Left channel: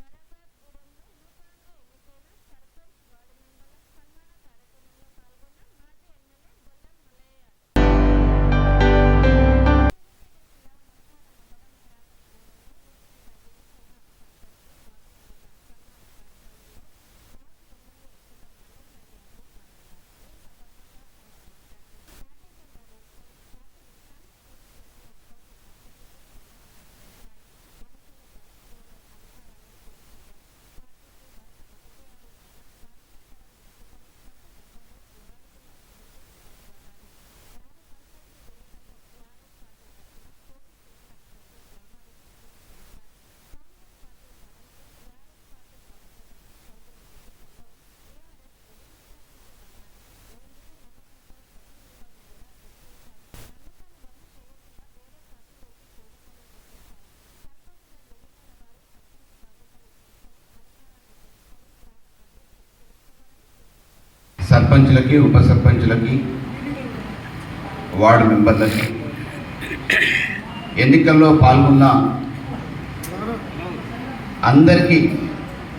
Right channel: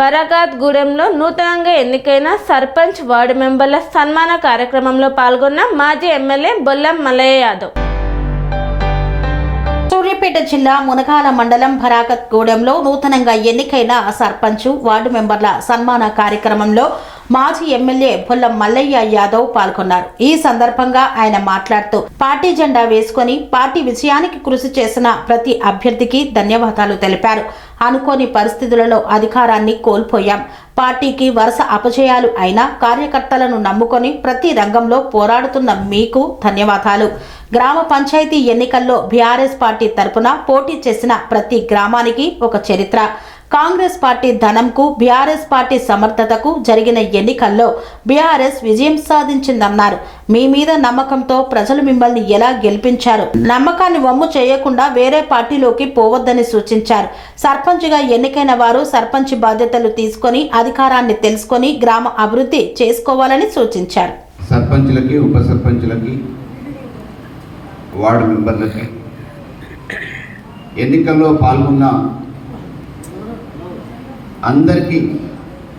బరగాత్గూడెంలో నూతనంగా ఎన్నికైన సర్పంచ్ వార్డు మెంబర్ల సన్మాన కార్యక్రమంలో పాల్గొన్న మాజీ ఎమ్మెల్యే బొల్లం మల్లయ్య యాదవ్. సూర్యాపేట జిల్లా మునగాల మండలం బరగాత్గూడెంలో నూతనంగా ఎన్నికైన సర్పంచ్ వార్డు మెంబర్ల సన్మాన కార్యక్రమంలో మాజీ ఎమ్మెల్యే బొల్లం మల్లయ్య యాదవ్ పాల్గొన్నారు. ఈ సందర్భంగా ఆయన మాట్లాడుతూ పార్టీ జెండా వేసుకుని పార్టీ విజయానికి కృషి చేసిన ప్రతి అభ్యర్థికి ధన్యవాదాలు తెలిపారు. అనుకోని పరిస్థితులలో అధికారాన్ని కోల్పోయాం. పార్టీకి వరుస అపజయాలు అయినా కార్యకర్తలను నమ్ముకొని ప్రతి రంగంలో పోరాడుతున్న మీకు ధన్యవాదాలు. గ్రామ పంచాయతీ ఎన్నికల్లో బీఆర్ఎస్ పార్టీ తరపున పోటీ చేసిన ప్రతి గ్రామానికి ఒక చరిత్ర. కాంగ్రెస్ పార్టీ ధనంకు బీఆర్ఎస్ పార్టీ సమర్థతకు జరిగిన ఎన్నికల్లో బీఆర్ఎస్ విజయం సాధించిందన్నారు. మీ మీద నమ్మకంతో ప్రజలు మిమ్మల్ని ఎలా గెలిపించారు, నమ్మకాన్ని వమ్ము చేయకుండా వేరే పార్టీలోకి పోవద్దని సూచించారు. సర్పంచ్గా ఎన్నికైన వారు సర్పంచ్ బాధ్యతలు తీసుకొని అధికారాన్ని తెలుసుకొని గ్రామ అభివృద్ధి చేసుకోవాలని సూచించారు. సర్పంచ్లకి, ఉప సర్పంచ్లకి, వార్డు మెంబర్లకి ఎన్నికల్లో పాల్గొన్న అందరికీ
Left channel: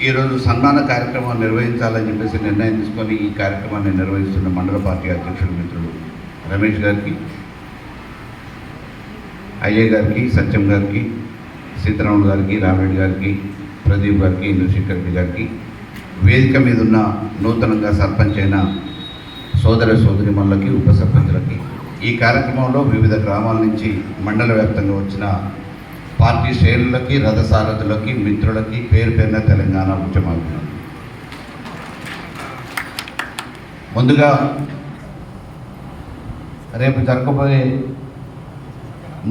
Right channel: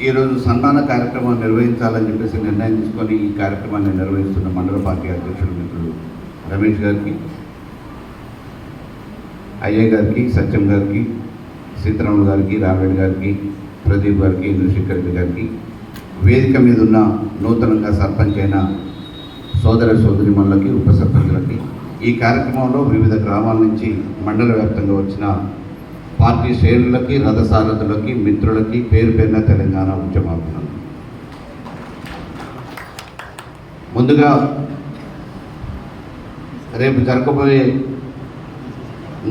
ఈరోజు సన్మాన కార్యక్రమం నిర్వహించాలని చెప్పేసి నిర్ణయం తీసుకొని ఈ కార్యక్రమాన్ని నిర్వహిస్తున్న మండల పార్టీ అధ్యక్షుడు మిత్రుడు రమేష్ గారికి, అయ్య గారికి, సత్యం గారికి, సీతారాములు గారికి, రామరెడ్డి గారికి, ప్రదీప్ గారికి, నృషికర్మి గారికి, వేదిక మీద ఉన్న నూతనంగా సర్పంచ్ అయిన సోదర సోదరిమణులకి, ఉప సర్పంచులకి, ఈ కార్యక్రమంలో వివిధ గ్రామాల నుంచి మండల వ్యాప్తంగా వచ్చిన పార్టీ శ్రేణులకి, రథసారథులకి, మిత్రులకి పేరు పేరున తెలంగాణ ఉద్యమాలు. ముందుగా రేపు జరగబోయే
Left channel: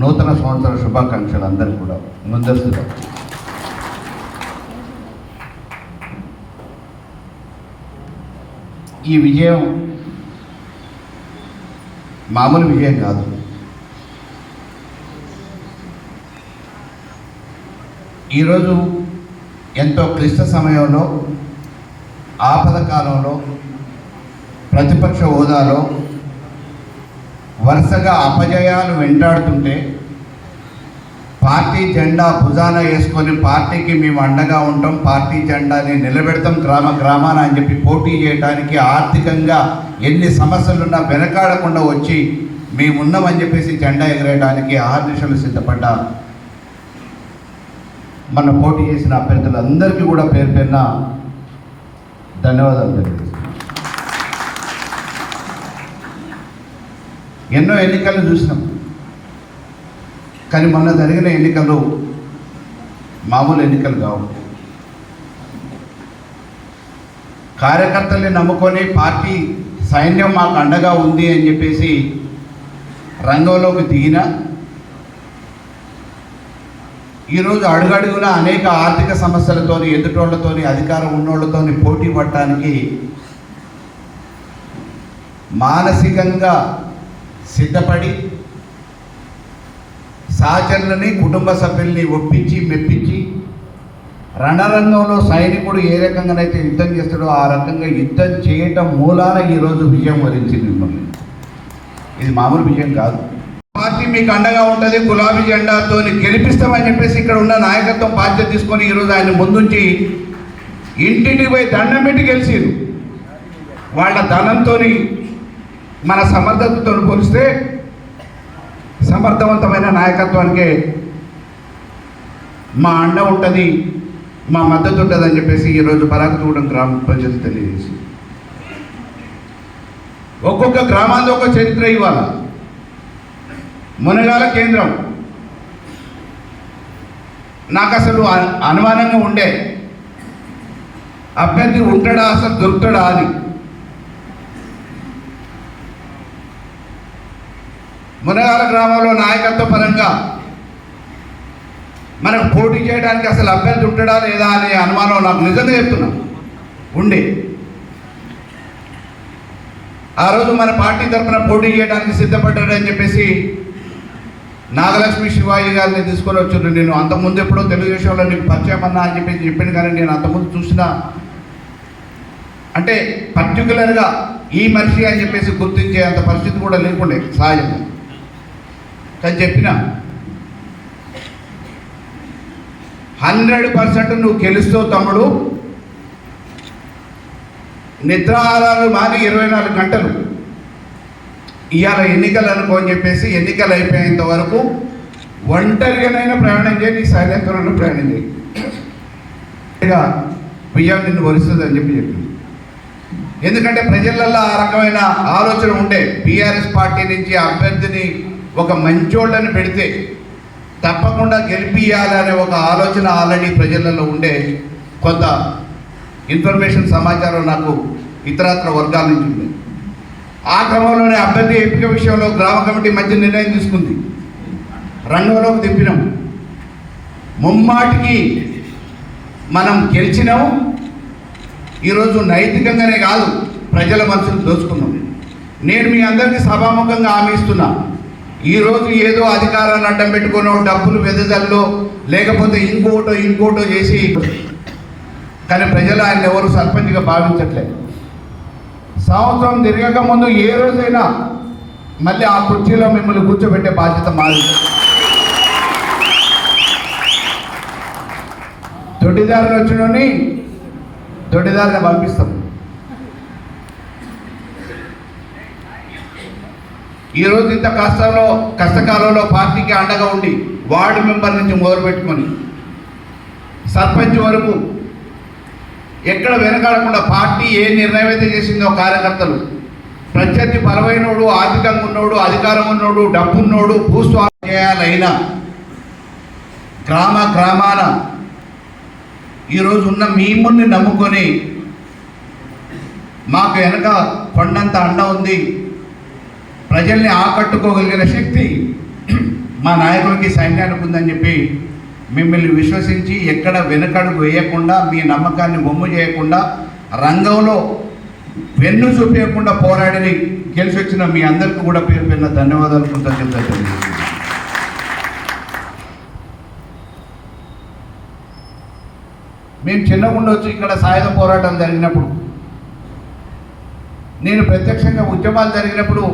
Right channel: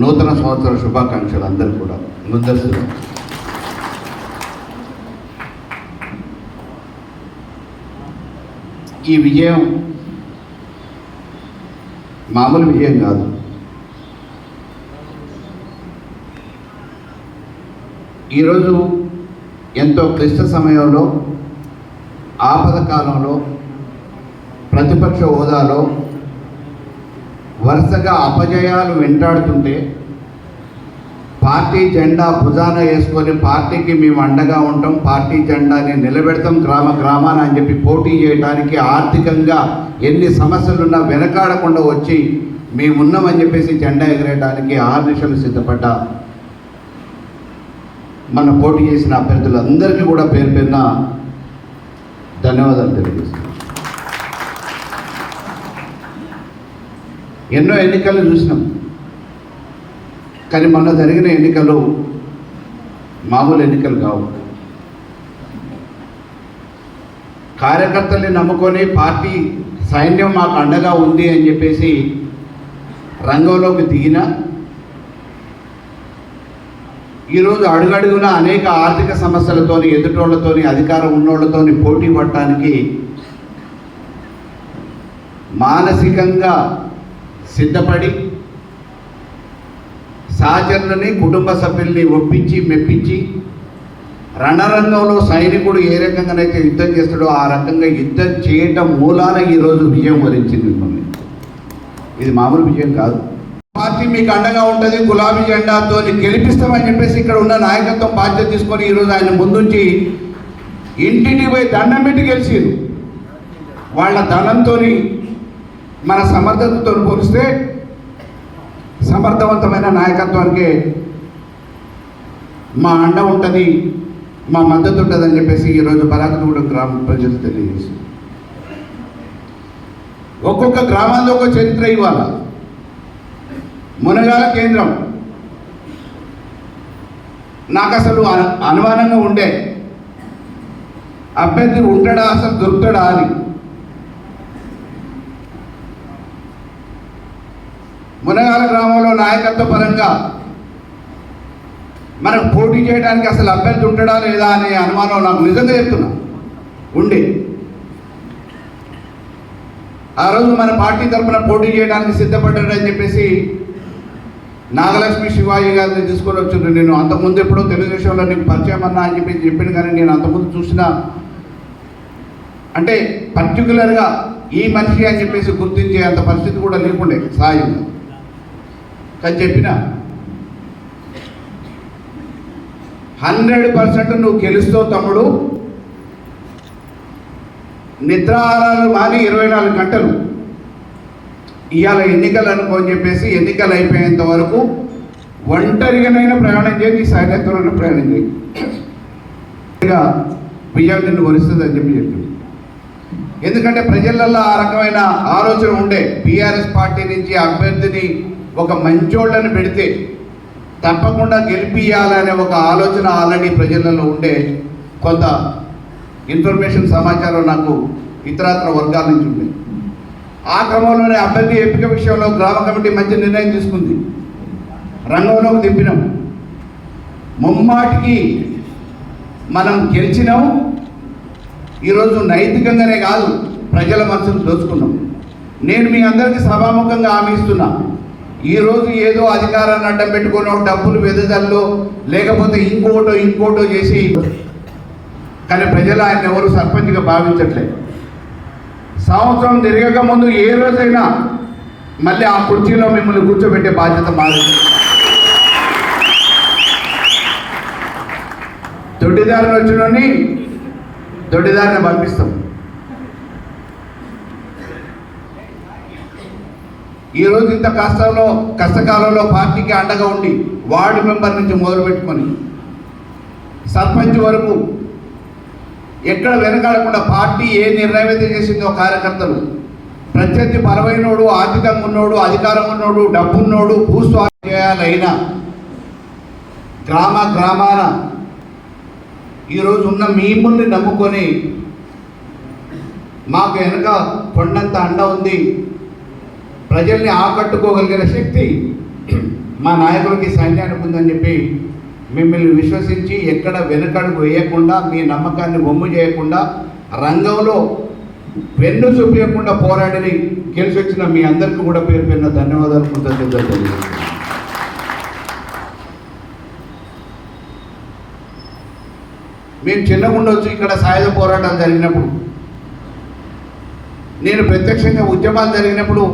నూతన సంవత్సర శుభాకాంక్షలు అందరూ కూడా ముందస్తుగా. ఈ విజయం మామూలు విజయం కాదు. ఈరోజు ఎంతో క్లిష్ట సమయంలో, ఆపద కాలంలో, ప్రతిపక్ష హోదాలో వరుసగా అపజయాలు వెంటాడుతుంటే పార్టీ జెండా భుజాన వేసుకొని పార్టీకి మేము అండగా ఉంటాం, పార్టీ జెండాని నిలబెడతాం గ్రామ గ్రామాన అని చెప్పి పోటీ చేయడానికి, ఆర్థికంగా ఎన్ని సమస్యలున్నా వెనకాడకుండా వచ్చి మేమున్నామని చెప్పేసి జెండా ఎగరేయడానికి 6 నిమిషాలు సిద్ధపడ్డ మన పోటీ చేసిన అభ్యర్థులందరికీ కూడా పేరు పేరున ధన్యవాదాలు తెలియజేస్తున్నాను. ఎన్నో ఎన్నికలు చూసినాం, కానీ మొన్న జరిగిన ఎన్నికలు మామూలు ఎన్నికలు కావు. కార్యకర్తల్ని నమ్ముకొని పార్టీ సైన్యం మాకు అండగా ఉంది అని చెప్పేసి రంగంలోకి దిగిన ఈరోజు అడుగడుగున అనేక ఆర్థిక సమస్యలతోని, ఎదుటోళ్లతోని, అధికారం ఉన్నోళ్లతోని పోటీ పడటానికి మానసికంగా సిద్ధపడి సహచరులని, కుటుంబ సభ్యుల్ని ఒప్పించి మెప్పించి రణరంగంలో సైనికుడు ఏ రకంగానైతే యుద్ధం చేస్తాడో ఆ రకంగా యుద్ధం చేయటం మూలాన ఈరోజు విజయం వరించింది మిమ్మల్ని. ఇది మామూలు విజయం కాదు. పార్టీ మీకు అండగా ఉంటుంది, గులాబీ జెండాతో గెలిపిస్తామని చెప్పేసి ఇక్కడ ఉన్న నాయకత్వం బాధ్యత తీసుకొని ఈరోజు ఆయన ముందుంచి ఇంటింటికి పోయి దండం పెట్టి గెలిచారు. వాళ్ళ ధనంతో మన సమర్థతతో పోలిస్తే సమర్థవంతమైన నాయకత్వానికి మా అండ ఉంటుంది, మా మద్దతు ఉంటుంది అని చెప్పేసి ఈరోజు బరగాత్గూడెం గ్రామ ప్రజలు తెలియజేసి ఒక్కొక్క గ్రామాల్లో ఒక చరిత్ర ఇవ్వాలి. మునగాల కేంద్రం నాకు అసలు అనుమానంగా ఉండే, అభ్యర్థి ఉంటాడా, అసలు దొరుకుతాడా అని. మునగాల గ్రామంలో నాయకత్వ పరంగా మనకు పోటీ చేయడానికి అసలు అభ్యర్థి ఉంటాడా లేదా అనే అనుమానం నాకు నిజంగా చెప్తున్నా ఉండే. ఆ రోజు మన పార్టీ తరఫున పోటీ చేయడానికి సిద్ధపడ్డాడని చెప్పేసి నాగలక్ష్మి శివాయి గారిని తీసుకొని వచ్చిండ్రు. నేను అంతకుముందు ఎప్పుడో తెలుగుదేశంలో నీకు పరిచయం అన్నా అని చెప్పి చెప్పాను, కానీ నేను అంతకుముందు చూసిన అంటే పర్టికులర్గా ఈ మనిషి అని చెప్పేసి గుర్తించే అంత పరిస్థితి కూడా లేకుండే సహజంగా. కానీ చెప్పిన 100% నువ్వు గెలుస్తావు తమ్ముడు. నిద్రాహారాలు మాని 24 గంటలు ఇవాళ ఎన్నికలు అనుకోని చెప్పేసి ఎన్నికలు అయిపోయేంత వరకు ఒంటరిగానైనా ప్రయాణం చేయి, నీ సైనికులను ప్రయాణం చేయి, విజయం నిన్ను వలుస్తుందని చెప్పి. ఎందుకంటే ప్రజలలో ఆ రకమైన ఆలోచన ఉండే, బీఆర్ఎస్ పార్టీ నుంచి అభ్యర్థిని ఒక మంచోళ్ళని పెడితే తప్పకుండా గెలిపియాలనే ఒక ఆలోచన ఆల్రెడీ ప్రజలలో ఉండే. కొంత ఇన్ఫర్మేషన్ సమాచారం నాకు ఇతరత్ర వర్గాల నుంచి ఉంది. ఆ క్రమంలోనే అభ్యర్థి ఎంపిక విషయంలో గ్రామ కమిటీ మంచి నిర్ణయం తీసుకుంది. రంగంలోకి దింపినాం. ముమ్మాటికి మనం గెలిచినాం. ఈరోజు నైతికంగానే కాదు, ప్రజల మనసును దోచుకున్నాం. నేను మీ అందరికీ సభాముఖంగా హామీ ఇస్తున్నా, ఈరోజు ఏదో అధికారాన్ని అడ్డం పెట్టుకుని డబ్బులు వెదజల్లో లేకపోతే ఇంకోటో చేసి, కానీ ప్రజలు ఆయన ఎవరు సర్పంచ్గా భావించట్లేదు. సంవత్సరం తిరగక ముందు ఏ రోజైనా మళ్ళీ ఆ కుర్చీలో మిమ్మల్ని కూర్చోబెట్టే బాధ్యత మాది. దొడ్డిదారిని వచ్చినోని దొడ్డిదారిని పంపిస్తాం. ఈరోజు ఇంత కష్టకాలంలో పార్టీకి అండగా ఉండి వార్డు మెంబర్ నుంచి మొదలు పెట్టుకొని సర్పంచ్ వరకు ఎక్కడ వెనకాడకుండా పార్టీ ఏ నిర్ణయం అయితే చేసిందో కార్యకర్తలు, ప్రత్యర్థి బలమైనోడు, ఆర్థికంగా ఉన్నోడు, అధికారం ఉన్నోడు, డబ్బు ఉన్నోడు, భూస్వామ్యం చేయాలైనా గ్రామాన ఈరోజు ఉన్న మిమ్మల్ని నమ్ముకొని మాకు వెనక కొండంత అండ ఉంది, ప్రజల్ని ఆకట్టుకోగలిగిన శక్తి మా నాయకులకి సైన్యానికి ఉందని చెప్పి మిమ్మల్ని విశ్వసించి ఎక్కడ వెనకడుగు వేయకుండా, మీ నమ్మకాన్ని బొమ్ము చేయకుండా, రంగంలో వెన్ను చూపించకుండా పోరాడి గెలిచి వచ్చిన మీ అందరికీ కూడా పేరు పేరున ధన్యవాదాలు, కృతజ్ఞతలు. మేము చిన్నగుండా వచ్చి ఇక్కడ సాయుధ పోరాటాలు జరిగినప్పుడు, నేను ప్రత్యక్షంగా ఉద్యమాలు జరిగినప్పుడు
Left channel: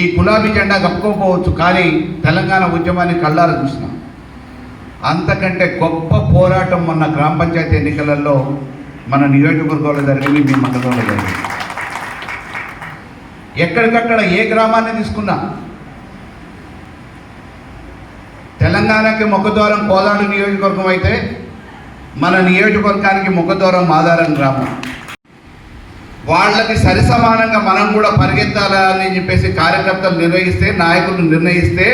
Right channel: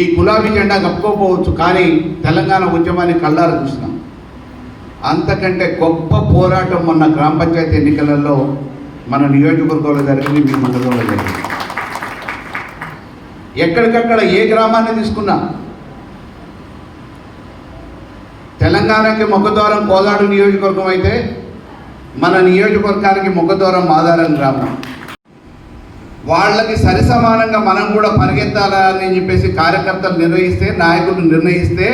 ఈ గులాబీ జెండా కప్పుకోకపోవచ్చు, కానీ తెలంగాణ ఉద్యమాన్ని కళ్ళారా చూసినాం. అంతకంటే గొప్ప పోరాటం మొన్న గ్రామ పంచాయతీ ఎన్నికలలో మన నియోజకవర్గంలో జరిగింది, మీ మండలంలో జరిగింది. ఎక్కడికక్కడ ఏ గ్రామాన్ని తీసుకున్నా తెలంగాణకి ముఖద్వారం కోదాడు నియోజకవర్గం అయితే మన నియోజకవర్గానికి ముఖద్వారం మాదారం గ్రామం. వాళ్ళకి సరిసమానంగా మనం కూడా పరిగెత్తాలని చెప్పేసి కార్యకర్తలు నిర్వహిస్తే, నాయకులు నిర్ణయిస్తే,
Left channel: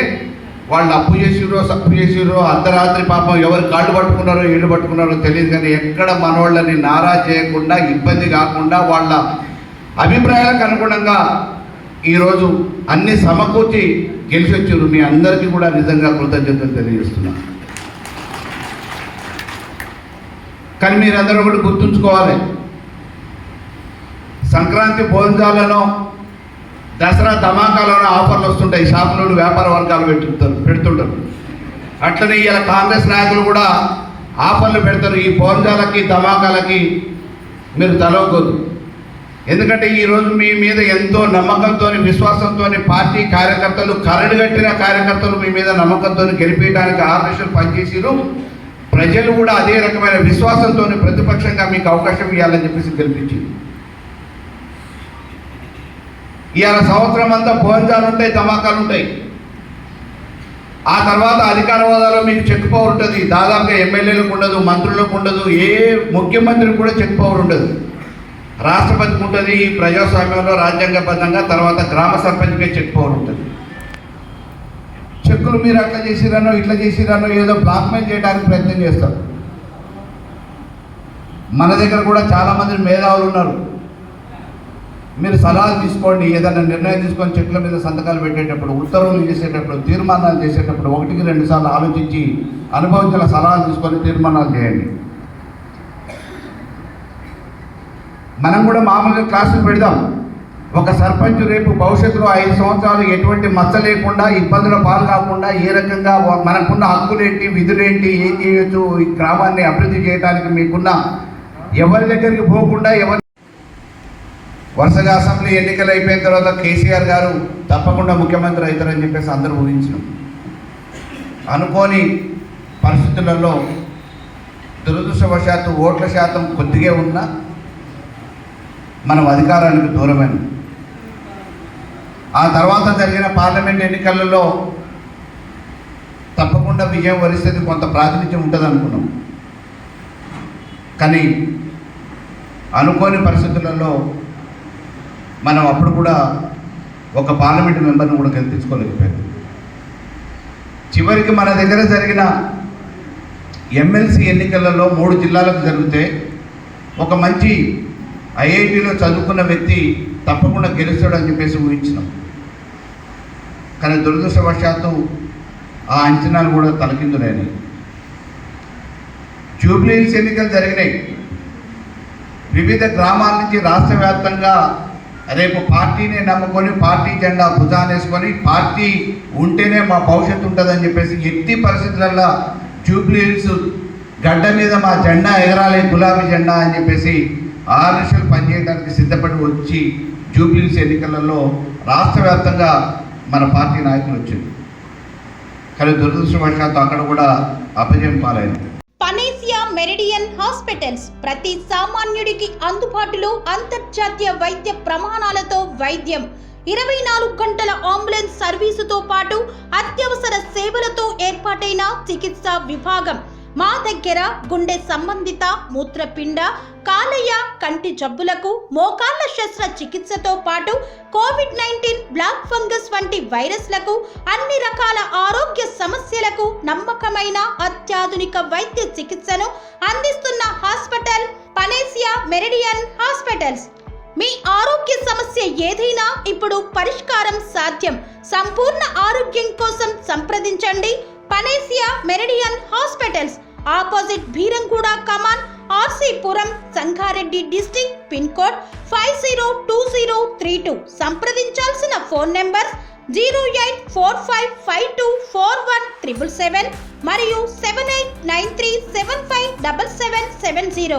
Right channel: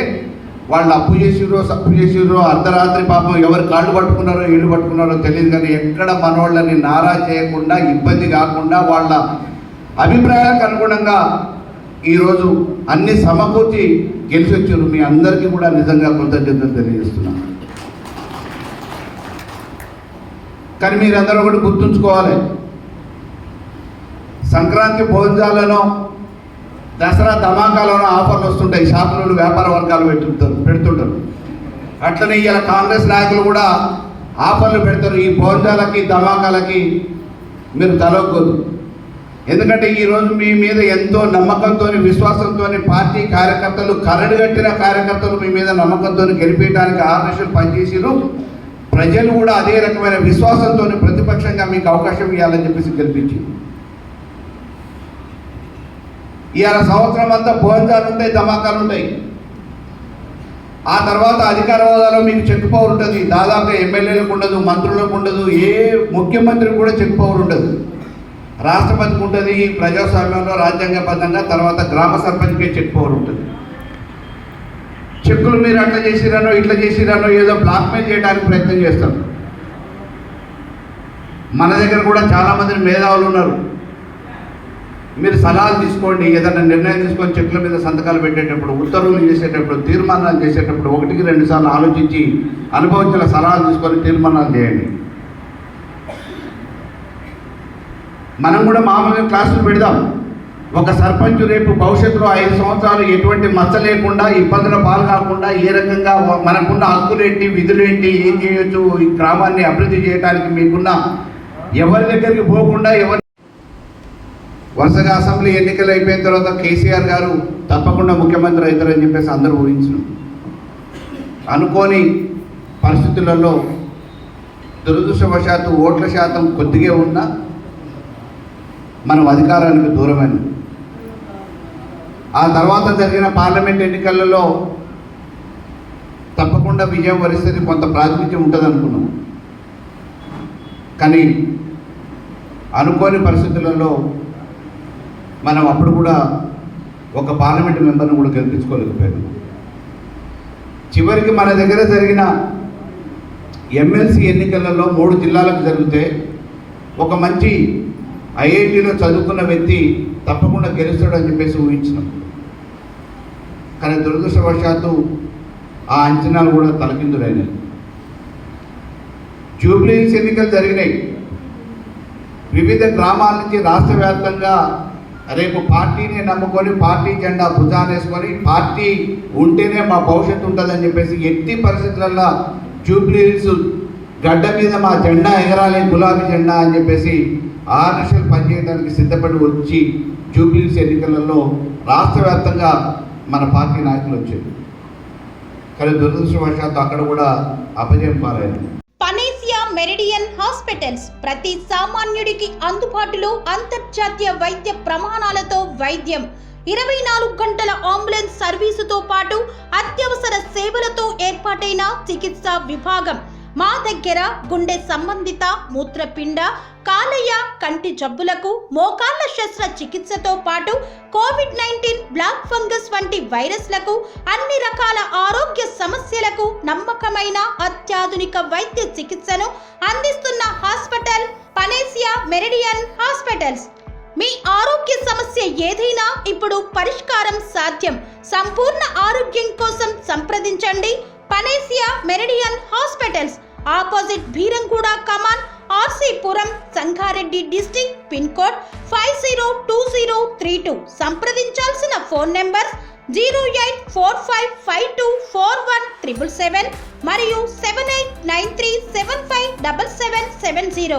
వాళ్ళు అప్పు చేసిర్రో సప్పు చేసిర్రో అర్ధరాత్రి పాపం ఎవరు కాళ్ళు పట్టుకున్నారో ఇళ్ళు పట్టుకున్నారో తెలియదు, కానీ ఎక్కడ మనవాళ్ళని నారా చేయకుండా, ఇబ్బంది కాకుండా, వాళ్ళ అభిప్రాయాలకు అనుగుణంగా ఈరోజు అన్ని సమకూర్చి గెలిచి వచ్చారు. మీ అందరికీ కూడా నిజంగా కృతజ్ఞతలు తెలియజేస్తున్నాను. కానీ మీరందరూ కూడా గుర్తుంచుకోవాలి, సంక్రాంతి భోజనాలను, దసరా ధమాకాలను ఆఫర్లు వస్తుంటాయి, షాపులు వ్యాపార వర్గాలు పెడుతుంటారు. అట్లనే ఇలా కాంగ్రెస్ నాయకులు కూడా ఆఫర్లు పెడతారు. ఈ భోజనాలకి ధమాకాలకి మీరు తలవకూడదు. ఎందుకంటే ఈరోజు మీ మీద ఎంతో నమ్మకంతో, విశ్వాసంతో పార్టీ కార్యకర్తలు, కరడుగట్టిన కార్యకర్తలు మీ మీద నమ్మకంతో గెలిపించడానికి ఆకర్షణ పనిచేసారు. ప్రజలు కూడా అదే రకమైన విశ్వాసంతో ప్రతిపక్షంగా మీకు అవకాశం ఇవ్వాలని చెప్పేసి గెలిపించింది. ఇవాళ సంవత్సరం అంతా భోజనాలు ఉంటాయి, ధమాకాలు ఉంటాయి. ఆ తర్వాత అధికార హోదాలో మీకు చెక్ పవర్ ఉంటుంది. దాదాపుగా ఎమ్మెల్యేలకు ఉండదు, మంత్రులకు ఉండదు, ఏ ముఖ్యమంత్రికి కూడా చెక్ పవర్ ఉండదు. రాష్ట్రపతికి ఉంటుంది, ప్రజాస్వామ్యంలో రాజ్యాంగబద్ధంగా. తర్వాత గ్రామ సర్పంచ్కే చెక్ పవర్ ఉంటుంది. చెక్కులు మీరు అట్లా చేసిరానో ఇట్లా చేసిరానో ఏదో బ్లాక్మెయిల్ చేయడానికి ప్రయత్నం చేస్తాం. మన దగ్గర కూడా చాలామంది మేధావులు ఉన్నారు. మీరు సలహాలు తీసుకోండి, ఏదైనా నిర్ణయం తీసుకొని చెట్ల మీద సంతకాలు పెట్టేటప్పుడు, ఉత్తర్వులు చేసేటప్పుడు, తీర్మానాలు చేసేటప్పుడు 1-2 సార్లు ఆలోచించి అనుభవించిన సలహాలు తీసుకొని తీర్మానాలు చేయండి. మనం కూడా మామూలుగా క్లాసులు పెడదాం. ఒక సర్పంచ్ రేపు భవిష్యత్తులో 5 సంవత్సరాలు ఎటువంటి మచ్చ లేకుండా, ఇబ్బందుల పాలు కాకుండా, ఏ రకంగా మనకున్న హక్కులేంటి, విధులేంటి, ఏం చేయొచ్చు, ఈ గ్రామాన్ని అభివృద్ధి చేయడానికి మీకున్న ఎవరి దగ్గరికి పోకుండా, వరుసగా అసెంబ్లీ ఎన్నికలు అయిపోయిన తర్వాత కేసీఆర్ గారు తప్పకుండా ముఖ్యమంత్రి అవుతారని చెప్పేసి అందరూ ఊహించారు. అనుకోని పరిస్థితులలో దురదృష్టవశాత్తు ఓట్ల శాతం కొద్దిగా ఉన్నా మనం అధికారానికి దూరమైన. ఆ తర్వాత జరిగిన పార్లమెంట్ ఎన్నికలలో తప్పకుండా విజయం వరిస్తుంది, కొంత ప్రాతినిధ్యం ఉంటుంది అనుకున్నాం. కానీ అనుకోని పరిస్థితులలో మనం అప్పుడు కూడా ఒక పార్లమెంట్ మెంబర్ని కూడా గెలిపించుకోలేకపోయాం. చివరికి మన దగ్గర జరిగిన ఎమ్మెల్సీ ఎన్నికలలో 3 జిల్లాలకు జరిగితే ఒక మంచి ఐఐటీలో చదువుకున్న వ్యక్తి తప్పకుండా గెలుస్తాడని చెప్పేసి ఊహించినాం. కానీ దురదృష్టవశాత్తు ఆ అంచనాలు కూడా తలకిందులైనాయి. జూబ్లీ హిల్స్ ఎన్నికలు జరిగినాయి. వివిధ గ్రామాల నుంచి రాష్ట్ర వ్యాప్తంగా రేపు పార్టీని నమ్ముకొని పార్టీ జెండా భుజానేసుకొని పార్టీ ఉంటేనే మా భవిష్యత్తు ఉంటుందని చెప్పేసి ఎట్టి పరిస్థితులలో జూబ్లీ హిల్స్ గడ్డ మీద మా జెండా ఎగరాలి, గులాబీ జెండా అని చెప్పేసి 6 నిమిషాలు పనిచేయడానికి సిద్ధపడి వచ్చి జూబ్లీ హిల్స్ ఎన్నికలలో రాష్ట్ర వ్యాప్తంగా మన పార్టీ నాయకులు వచ్చారు. కానీ దురదృష్టవశాత్తు అక్కడ కూడా అపజయం పాలైంది. పనేసియా మెరిడియన్ హాస్పిటల్స్ ప్రతి సామాన్యుడికి అందుబాటులో అంతర్జాతీయ వైద్య ప్రమాణాలతో వైద్యం, 24 గంటల అంబులెన్స్ సర్వీసుతో పాటు అత్యవసర సేవలతో ఏర్పాటైన చికిత్సా విభాగం. మా దగ్గర గుండె సంబంధిత, మూత్రపిండ, కాలేయ, కంటి జబ్బులకు, మోకాళ్ల శస్త్ర చికిత్సతో పాటు కోవిడ్-19, బ్లాక్ ఫంగస్ వంటి వైరస్లకు, అన్ని రకాల ఆరోగ్య సమస్యలకు నమ్మకమైన అత్యాధునిక వైద్య చికిత్సను అందిస్తున్న హాస్పిటల్ పనేసియా మెరిడియన్ హాస్పిటల్స్. మీ ఆరోగ్య సమస్య ఏదైనా ఇప్పుడు పరిష్కారం సాధ్యం. సంపూర్ణ ఆరోగ్యం కోసం సంప్రదించండి Panacea Meridian hospitals, opposite Bheeramguda Kaman, RC Puram, Sangareddy district, pin code 502032. సంప్రదించాల్సిన ఫోన్ నెంబర్ 0845524177 మరియు 7893757770.